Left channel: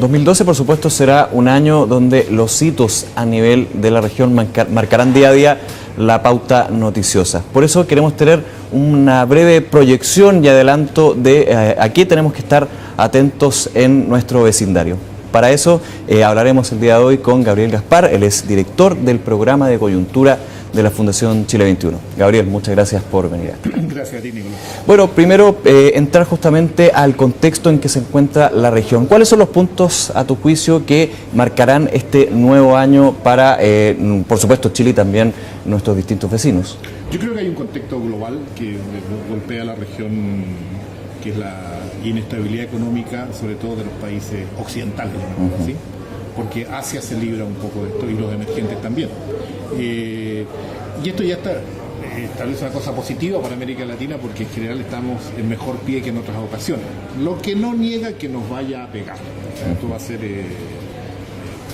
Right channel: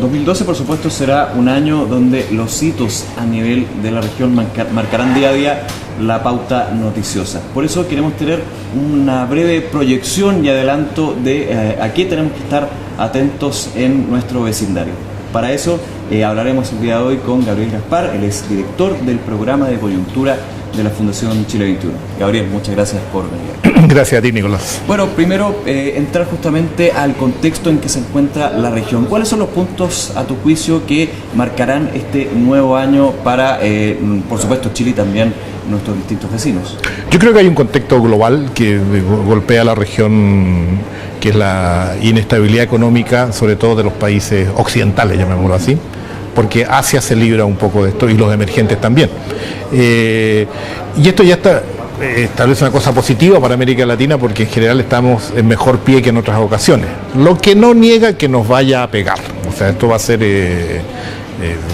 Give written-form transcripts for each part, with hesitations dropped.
2012, por supuesto, será un año donde los hitos a nivel de la región marcarán día a día la pauta noticiosa. Por eso queremos tener una breve proyección y adelanto de a qué tenemos que estar atentos en nuestro vecindario. Para eso hablaremos el día de hoy con Gabriel Gaspar, él es director del programa de coyuntura de la Fundación Chile 21. Gabriel, muchas gracias por venir. Gracias a ti, Nicolás. Bueno, primero entrar justamente al contexto en que se encuentra la región. ¿Cuáles son los puntos, a tu juicio, que marcarán este nuevo año para, por supuesto, Chile y también nuestros distintos vecinos? Yo creo que hay un contexto global que golpea a la región, que es la inestabilidad económica, sobre todo de los países occidentales, llamémoslo así, porque Asia se libra un poco de esto y los emergentes también. Y esto ya establece una cosa positiva para América Latina, porque en general estamos en mejor pie que en otras ocasiones, lo que no niega que nos vaya a pegar. O sea, esto va a ser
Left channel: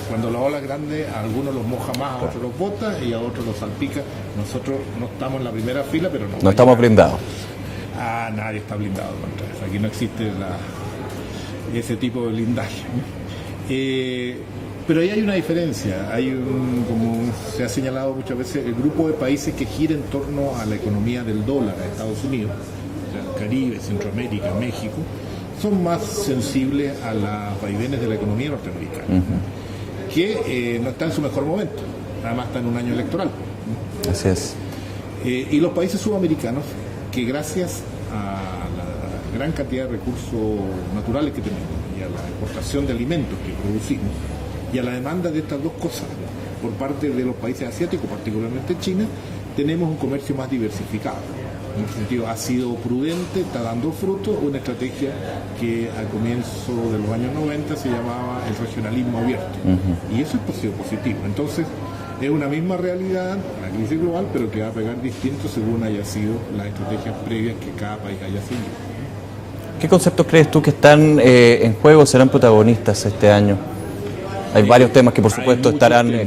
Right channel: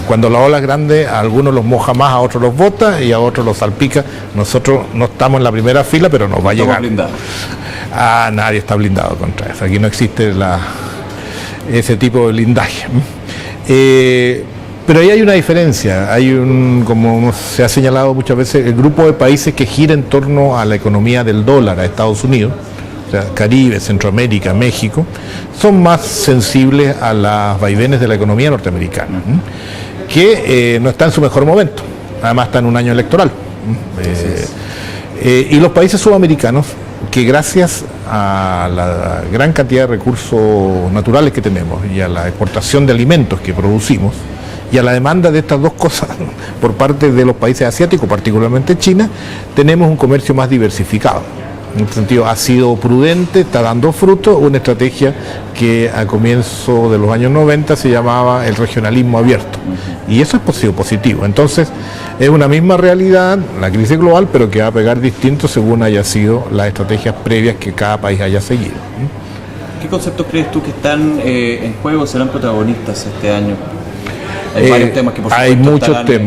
cuando la ola es grande, a algunos los moja más, a otros los bota y a otros los salpica. Nosotros no estamos en la primera fila, pero nos va a llegar. Estamos blindados. Nadie está blindado contra eso. Aquí no existe ese tipo de blindaje. Pero ahí hay una diferencia, como se ha señalado muchas veces, el grupo de países que gira en torno a la economía del dólar a Estados Unidos, o sea, Caribe, Centroamérica, México, son más sensibles a las vaivenes de la economía norteamericana, que no está en su mejor momento, además está en un año electoral. Y los países sudamericanos, que gracias a la gran cantidad de recursos naturales que tenemos y a la exportación de alimentos que producimos, y a la demanda de estas dos cosas por parte de los países asiáticos, particularmente China, tenemos un comercio más diversificado. En este sentido ha sido prudente, está dando fruto, una estrategia que a comienzo de los años 90 se llamaba el regionalismo abierto. Y eso es positivo. Entonces, es una misma realidad, la crisis global, pero que va a pegar distinto según haya sido las estrategias previas que cada país haya seguido. ¿Qué conceptos crees tú que están en juego, serán protagonistas este año? Hay varios temas que por supuesto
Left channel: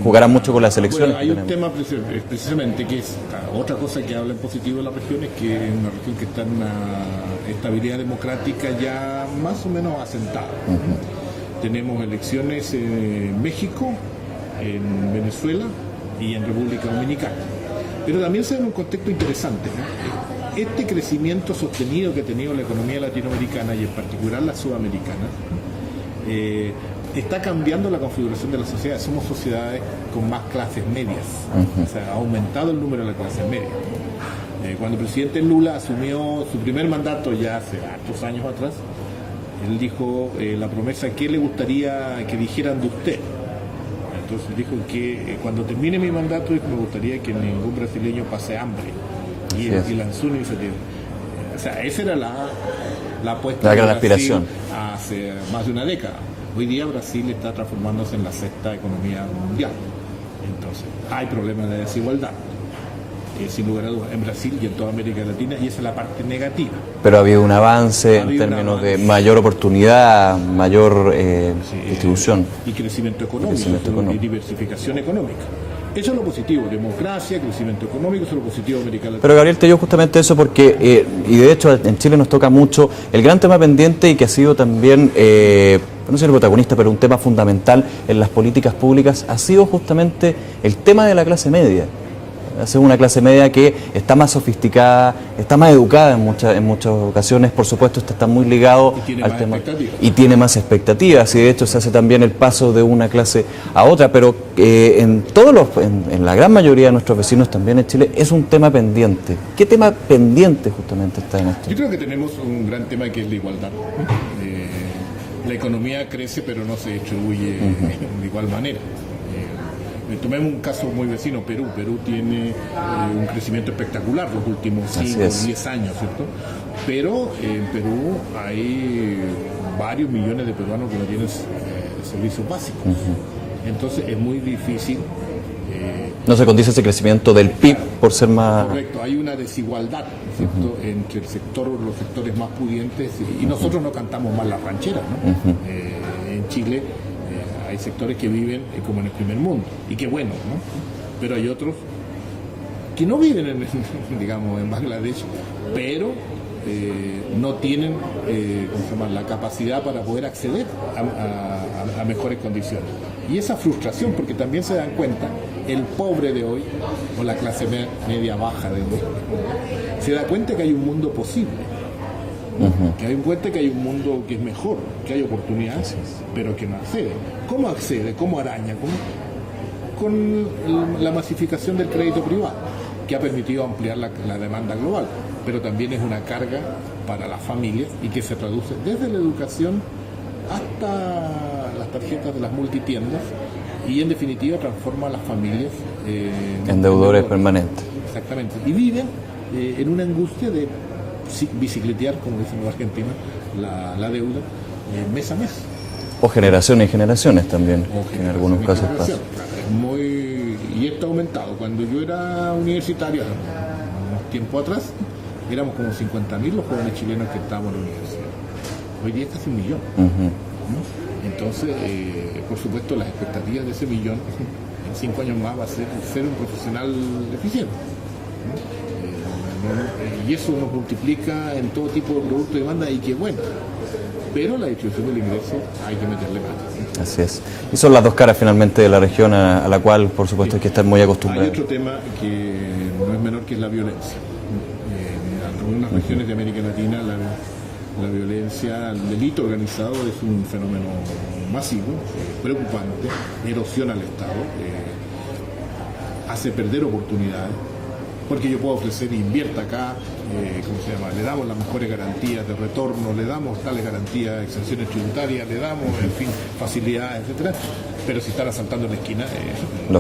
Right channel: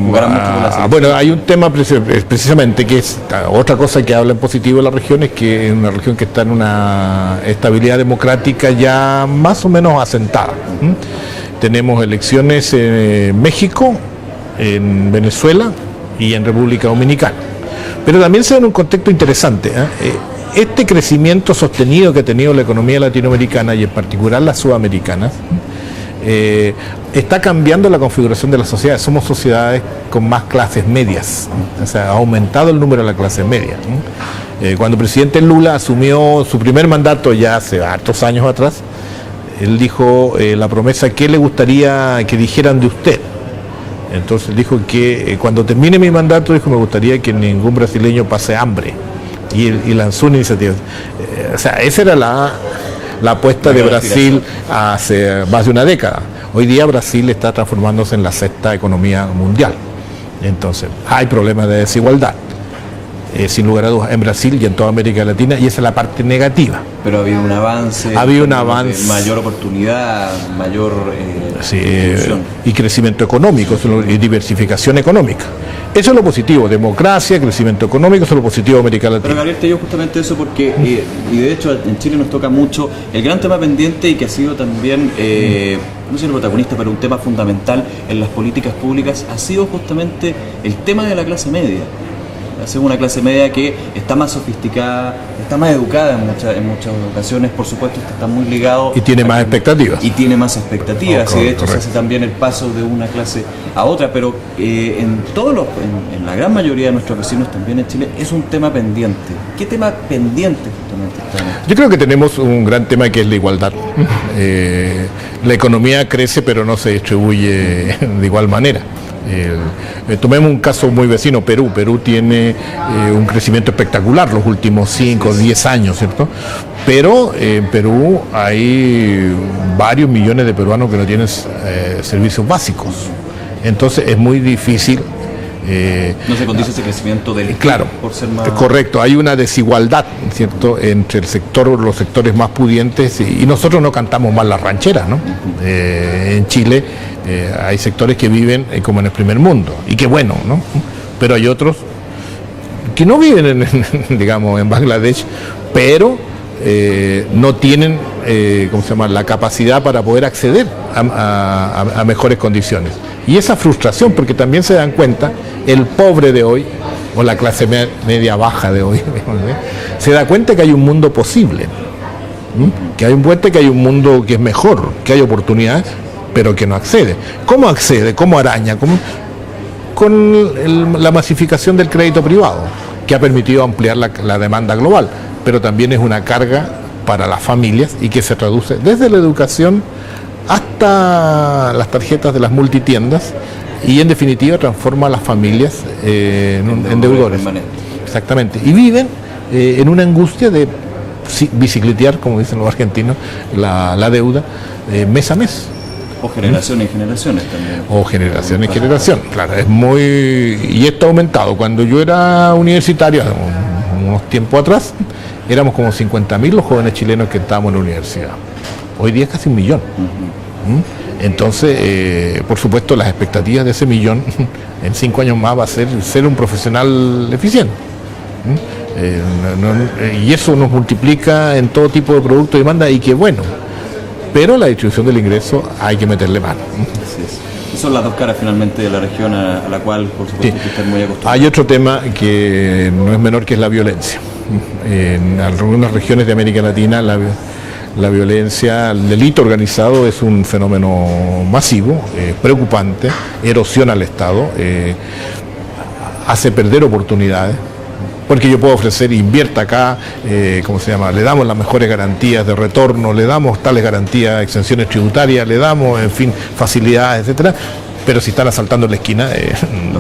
jugarán mucho con la selección. Bueno, hay un tema precisamente que es otra cosa que habla en positivo de la región, es que es una región que está en una estabilidad democrática ya más o menos asentada. Tenemos elecciones en México, en Venezuela y en República Dominicana. Pero también se da en un contexto interesante. Este crecimiento sostenido que ha tenido la economía latinoamericana y en particular la sudamericana, está cambiando la configuración de las sociedades. Somos sociedades con más clases medias, o sea, ha aumentado el número de la clase media. Cuando el presidente Lula asumió su primer mandato ya hace hartos años atrás, él dijo la promesa: ¿qué le gustaría que dijeran de usted? Entonces dijo que cuando termine mi mandato, dijo, me gustaría que ningún brasileño pase hambre, y lanzó una iniciativa. O sea, esa era la apuesta de Brasil hace más de una década. Hoy día Brasil está transformándose en la sexta economía mundial. Entonces, hay problemas de desigualdad, sin lugar a dudas, en Brasil y en toda América Latina, y esa es la parte negativa. Pero ha habido un avance, mayor oportunidad, mayor y crecimiento económico, y diversificación económica. Eso es lo positivo, democracia, crecimiento económico, eso es lo positivo de América Latina. Pero Gabriel, te digo justamente eso porque, y de hecho en Chile nos toca mucho el gran tema pendiente y que ha sido también, no sé si el protagonista, pero un tema fundamental en las políticas públicas, ha sido justamente el tema de la clase media. Es una clase media que está más sofisticada, está más educada en muchas ocasiones, por supuesto, está muy ligado. Y tiene más expectativas. Y tiene más expectativas, y de hecho se hace también el paso de una clase a otra, pero en la gran mayoría de nuestros vecinos también en Chile es un tema pendiente. ¿Qué tema pendiente justamente está en esto? Yo creo que tenemos un gran tema que es la igualdad. La economía crece, pero no se distribuye de igual manera. Tomemos un caso muy vecino, Perú. Perú tiene un crecimiento espectacular los últimos 5 o 10 años, ¿cierto? Pero en Perú hay varios millones de peruanos que no tienen servicios básicos. Entonces es muy difícil. No se condice ese crecimiento del PIB, claro, por ser más... Correcto, hay una desigualdad, ¿cierto?, entre los sectores más pudientes, y nosotros no cantamos mal las rancheras, ¿no? En Chile hay sectores que viven como en el primer mundo, y qué bueno, ¿no? Pero hay otros que no viven digamos, en Bangladesh, pero no tienen ¿cómo se llama?, la capacidad para poder acceder a mejores condiciones. Y esa frustración, porque también se dan cuenta, el pobre de hoy, o la clase media baja de hoy, se da cuenta que hay un mundo posible, ¿no? Que hay un mundo que es mejor, que hay oportunidades, pero que no accede. ¿Cómo accede? ¿Cómo araña? Con la masificación del crédito privado, que ha permitido ampliar la demanda global, pero también es una carga para las familias y que se traduce desde la educación hasta las tarjetas de las multitiendas y en definitiva transforma a las familias en deudores. Exactamente. Y viven en una angustia de bicicletear, como dicen los argentinos, la deuda mes a mes. O generaciones y generaciones también. O generación y generación, claro, es muy... Y esto ha aumentado. Cuando yo era universitario, unos tiempos atrás, éramos como 50.000 los jóvenes chilenos que estábamos en la universidad. Hoy día es casi 1 millón. Entonces, por supuesto, las expectativas de ese 1 millón en 5 años más va a ser un profesional eficiente. Y eso nos multiplica en todo tipo de producto y demanda, y qué bueno. Pero la distribución del ingreso hay que meterle mano. Así es. Son las dos caras finalmente de la región a la cual, por supuesto, hay que estar muy acostumbrado. Hay otro tema que no es menor, que es la violencia. En algunas regiones de América Latina la violencia, el delito organizado es un fenómeno masivo, preocupante, erosiona al Estado, hace perder oportunidades. Porque yo puedo ofrecer, invierta acá, ¿cómo se llama? Le damos las mejores garantías de retorno, le damos tales garantías, exenciones tributarias, le damos, en fin, facilidades, etcétera. Pero si están asaltando en la esquina,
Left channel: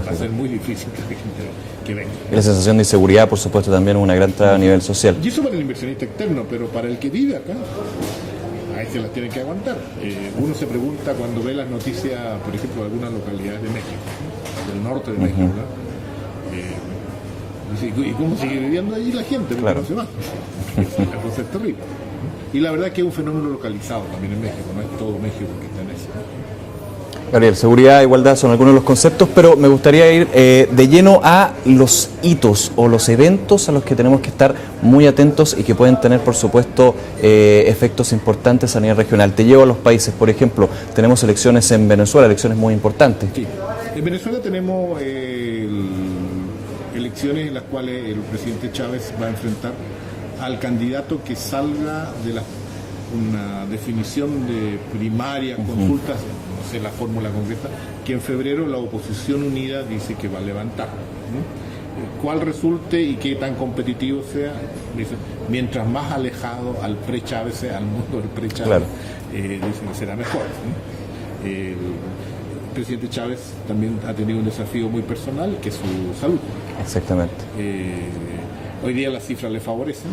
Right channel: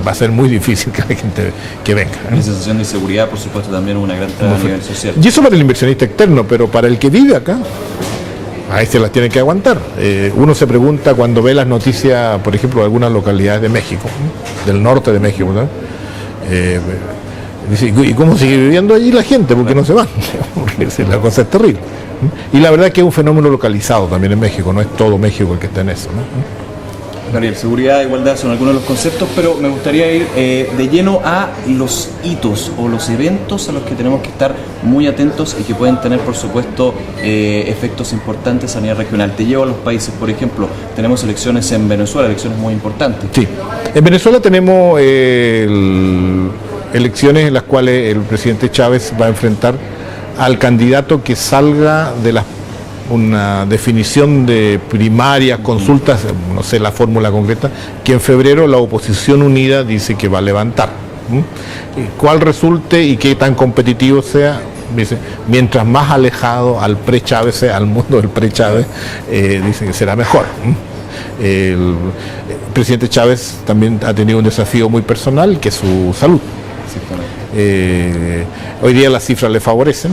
va a ser muy difícil que la gente que venga, ¿no? La sensación de inseguridad, por supuesto, también es una gran traba a nivel social. Y eso para el inversionista externo, pero para el que vive acá, ahí se las tiene que aguantar. Uno se pregunta cuando ve las noticias, por ejemplo, de algunas localidades de México, ¿no?, del norte de México, ¿no? ¿Y cómo sigue viviendo allí la gente? ¿Por qué no se van? La cosa es terrible. Y la verdad es que es un fenómeno localizado también en México, no es todo México el que está en eso, ¿no? Gabriel, seguridad e igualdad son algunos de los conceptos, pero me gustaría ir de lleno a los hitos o los eventos a los que tenemos que estar muy atentos y que pueden tener, por supuesto, efectos importantes a nivel regional. Te llevo a los países, por ejemplo, tenemos elecciones en Venezuela, elecciones muy importantes. Sí, en Venezuela tenemos elecciones en las cuales el presidente Chávez va a enfrentar al candidato que salga de una definición de primarias, consultas, no sé la fórmula concreta, que en febrero la oposición unida dice que va a levantar. Cuál resulte y qué tan competitivo sea, dice, mientras más alejado al pre-Chávez sea, al mundo del pre-Chávez, dice que será mejor. El presidente Chávez también ha tenido un desafío muy personal, que es su salud. Exactamente. Hoy día las cifras le favorecen.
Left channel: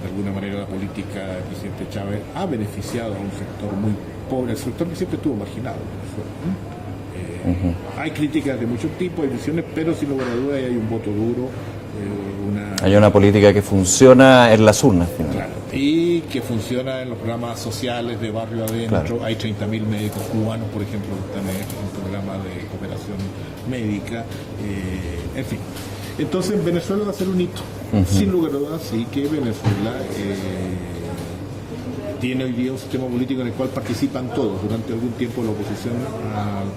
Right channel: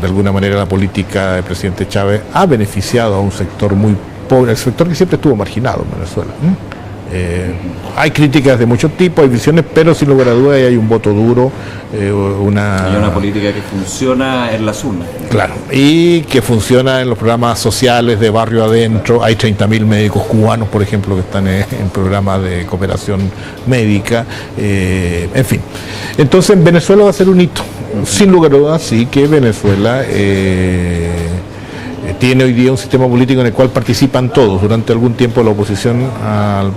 De alguna manera la política del presidente Chávez ha beneficiado a un sector muy pobre, el sector que siempre estuvo marginado en Venezuela. Hay críticas de muchos tipos, hay visiones, pero sin lugar a dudas hay un voto duro. Hay una política que funciona en las urnas. Claro, y que funciona en los programas sociales de barrio adentro. Claro. Hay 30.000 médicos cubanos, por ejemplo, que están en programas de cooperación médica, en fin. Entonces en Venezuela va a ser un hito. Sin lugar a dudas, sí que Venezuela tiene hoy día un sistema político en el cual participan todos. Durante algún tiempo la oposición al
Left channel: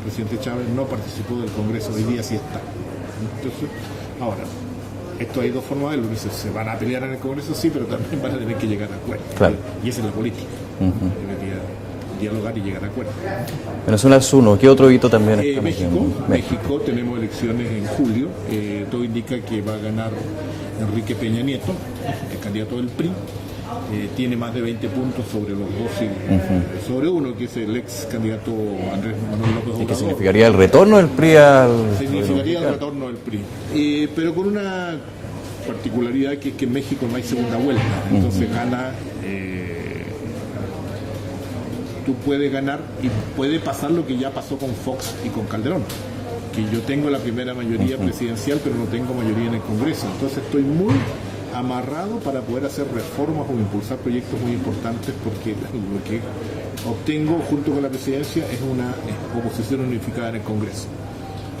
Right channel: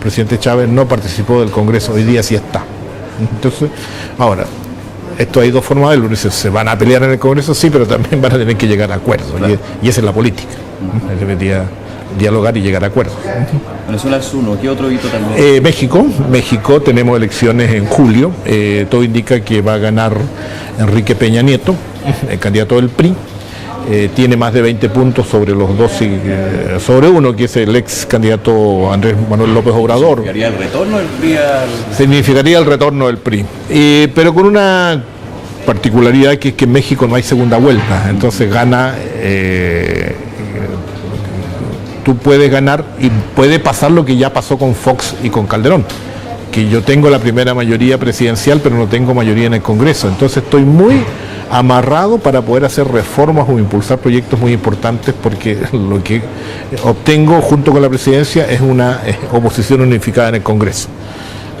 presidente Chávez no participó del Congreso, hoy día sí está. Entonces, ahora, esto hay dos formas de verlo. Se van a pelear en el Congreso, sí, pero también van a tener que llegar a acuerdos. Claro. Y esa es la política. Debería dialogar y llegar a acuerdos. Venezuela es uno. ¿Qué otro hito también? México tenemos elecciones en julio. Todo indica que va a ganar Enrique Peña Nieto, el candidato del PRI. Tiene más de 20 puntos sobre los dos, sobre uno, que es el ex candidato Andrés Manuel López Obrador. ¿Significaría el retorno del PRI al...? Significaría el retorno del PRI, pero con una particularidad, que es que en México no hay segunda vuelta. Entonces gana, tú puedes ganar y puede pasar lo que ya pasó con Fox y con Calderón, que yo tengo la primera mayoría presidencial pero no tengo mayoría en el Congreso. Entonces estoy muy amarrado para poder hacer reformas o impulsar proyectos muy importantes, porque lo que obtengo junto con la presidencia es una oposición unificada en el Congreso.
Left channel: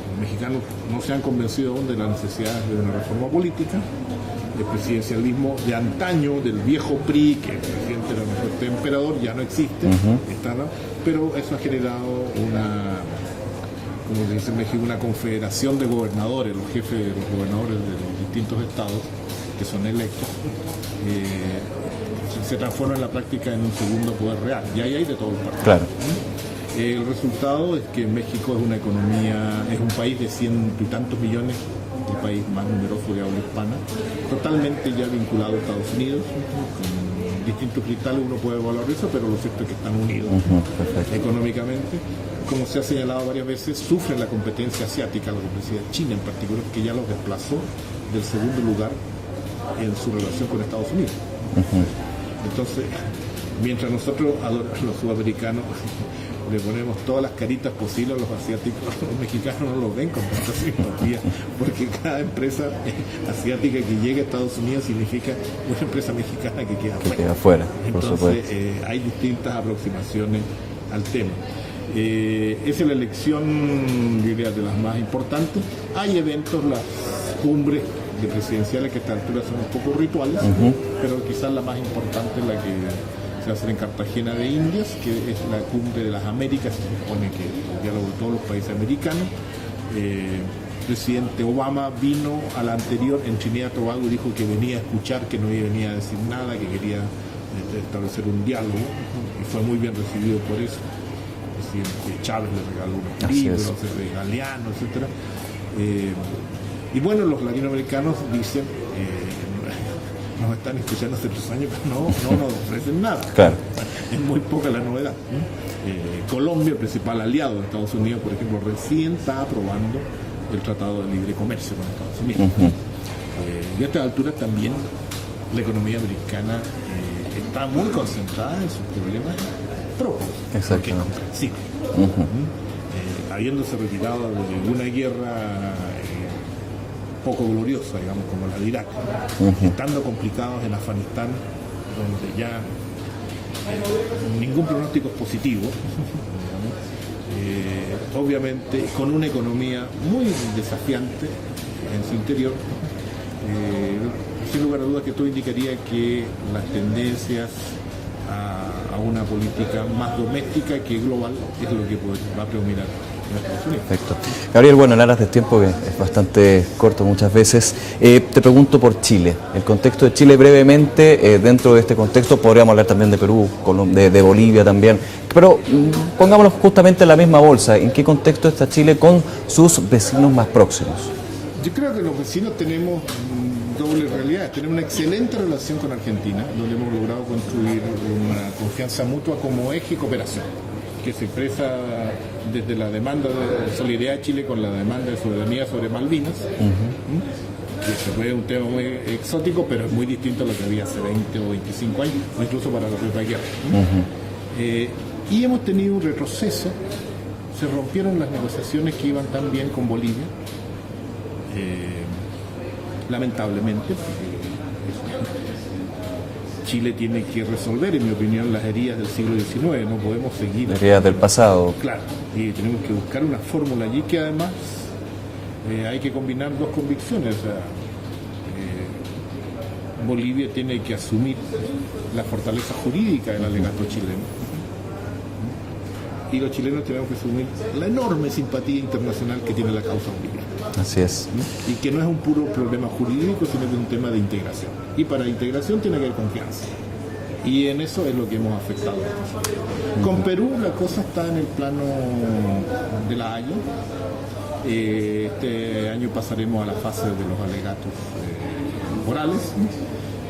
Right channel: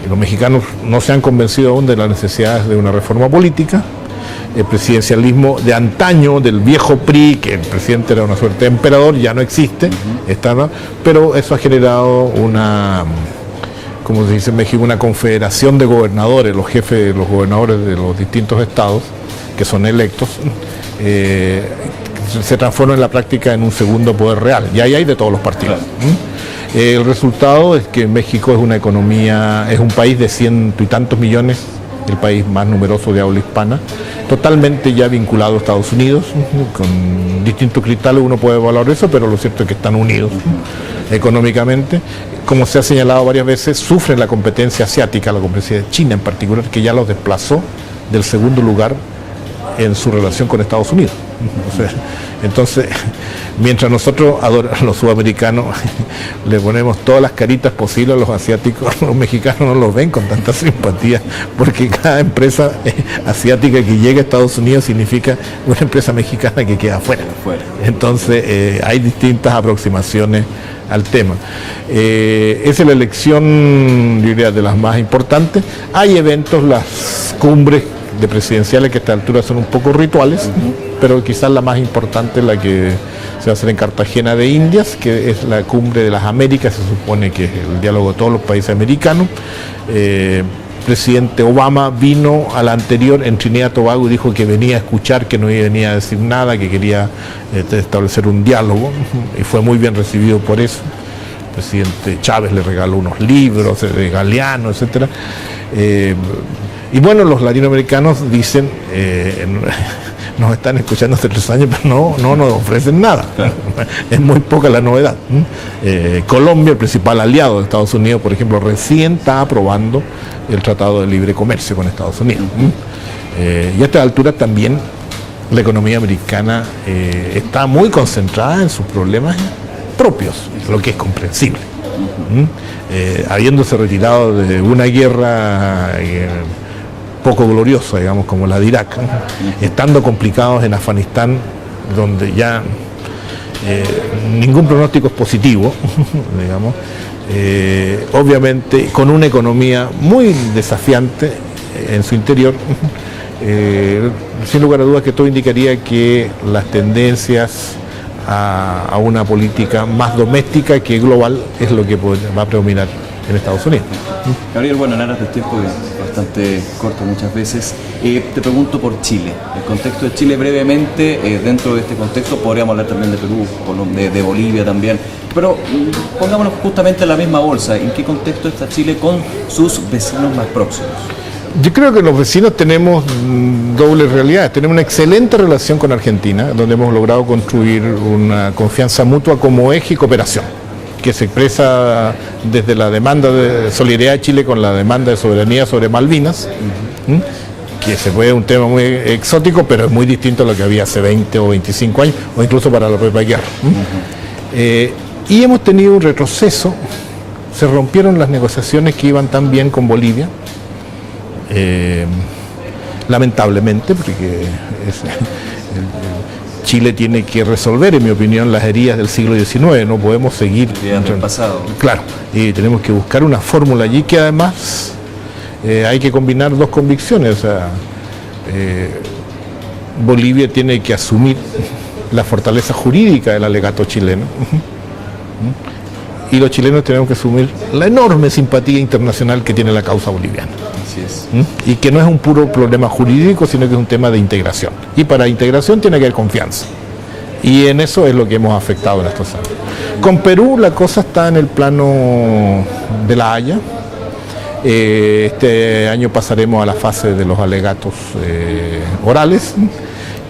Los mexicanos no se han convencido aún de las necesidades de una reforma política, presidencialismo de antaño, del viejo PRI, que el presidente era una suerte de emperador, ya no existe, pero eso ha generado una, como se dice en México, una confederación de gobernadores, los jefes, los gobernadores de los distintos estados, que son electos, se transforma en la práctica en un segundo poder real, y ahí hay de todos los partidos. El resultado es que México es una economía, es un país de 100 y tantos millones, el país más numeroso de habla hispana, totalmente ya vinculado a Estados Unidos, con distintos cristales uno puede evaluar eso, pero lo cierto es que están unidos económicamente. Como se ha señalado varias veces, sufren la competencia asiática, la competencia de China en particular, que ya los desplazó del segundo lugar en su relación con Estados Unidos. Entonces, mientras nosotros, los sudamericanos, le ponemos todas las caritas posibles a los asiáticos, los mexicanos no los ven con tanta simpatía, porque cada empresa asiática que llega a Estados Unidos significa una empresa mexicana que queda afuera. Entonces, hay distintas aproximaciones al tema. Esa es la elección, yo diría, de las más importantes. Hay eventos, las cumbres de presidenciales, que a esta altura son un poco rituales, pero quizás la más importante es la que se va a hacer en Cartagena de Indias, que es la cumbre de las Américas, se supone que es el diálogo de todos los países americanos. Presidente Obama vino a la anterior en Trinidad y Tobago y dijo que venía a escuchar, que no venía a decir nada, que quería establecer un diálogo, y fue muy bien recibido por eso. El presidente Chávez le regaló unos libros de Galeano, etcétera. Y bueno, los latinoamericanos dicen, nos están escuchando hace 3 años, pero no nos ofrecen nada. Claro. Es muy poca la novedad. Colombia, el principal aliado de Estados Unidos, por ejemplo, recién está aprobando el Tratado de Libre Comercio con Estados Unidos. Y a esta altura también la economía americana está muy concentrada en sus problemas propios, lo que es comprensible. Habiéndose retirado de una guerra poco gloriosa, digamos, como la de Irak, estando complicados en Afganistán, donde ya ningún pronóstico es positivo, digamos, obviamente con una economía muy desafiante en su interior, sin lugar a dudas que todo indicaría que las tendencias a una política más doméstica que global es lo que va a predominar en Estados Unidos. Gabriel, bueno, en aras del tiempo, que es bastante corto muchas veces, te pregunto por Chile, el contexto de Chile brevemente. Dentro de este contexto podríamos hablar también de Perú, de Bolivia también, pero pongámonos justamente en la misma bolsa. ¿En qué contexto está Chile con sus vecinos más próximos? Yo creo que los vecinos tenemos dobles realidades. Tenemos una excelente relación con Argentina, donde hemos logrado construir una confianza mutua como eje y cooperación, que se expresa desde la demanda de solidaridad de Chile con la demanda de soberanía sobre Malvinas, que se puede un tema muy exótico, pero es muy distinto a lo que había hace 20 o 25 años, o incluso para la propia guerra. Y hemos tenido un retroceso, se rompieron las negociaciones que iban tan bien con Bolivia, lamentablemente, porque Chile tiene que resolver, en mi opinión, las heridas del siglo XIX, no podemos seguir... Heridas del pasado. Claro, y tenemos que buscar una fórmula allí que además hay que combinar dos convicciones. O sea, Bolivia tiene que asumir la fortaleza jurídica del alegato chileno, y los chilenos tenemos que asumir la enorme simpatía internacional que tiene la causa boliviana. Así es. Y que no es un puro problema jurídico, sino que es un tema de integración. Y para integración tiene que haber confianza. Y en eso es lo que hemos afectado en estos años. Con Perú la cosa está en el plano de La Haya. Este año pasaremos a la fase de los alegatos orales.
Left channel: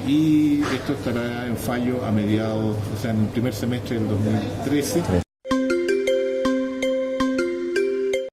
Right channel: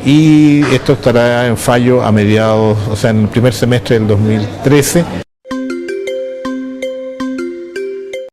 Y esto estará en fallo a mediados, o sea, en el primer semestre del 2013.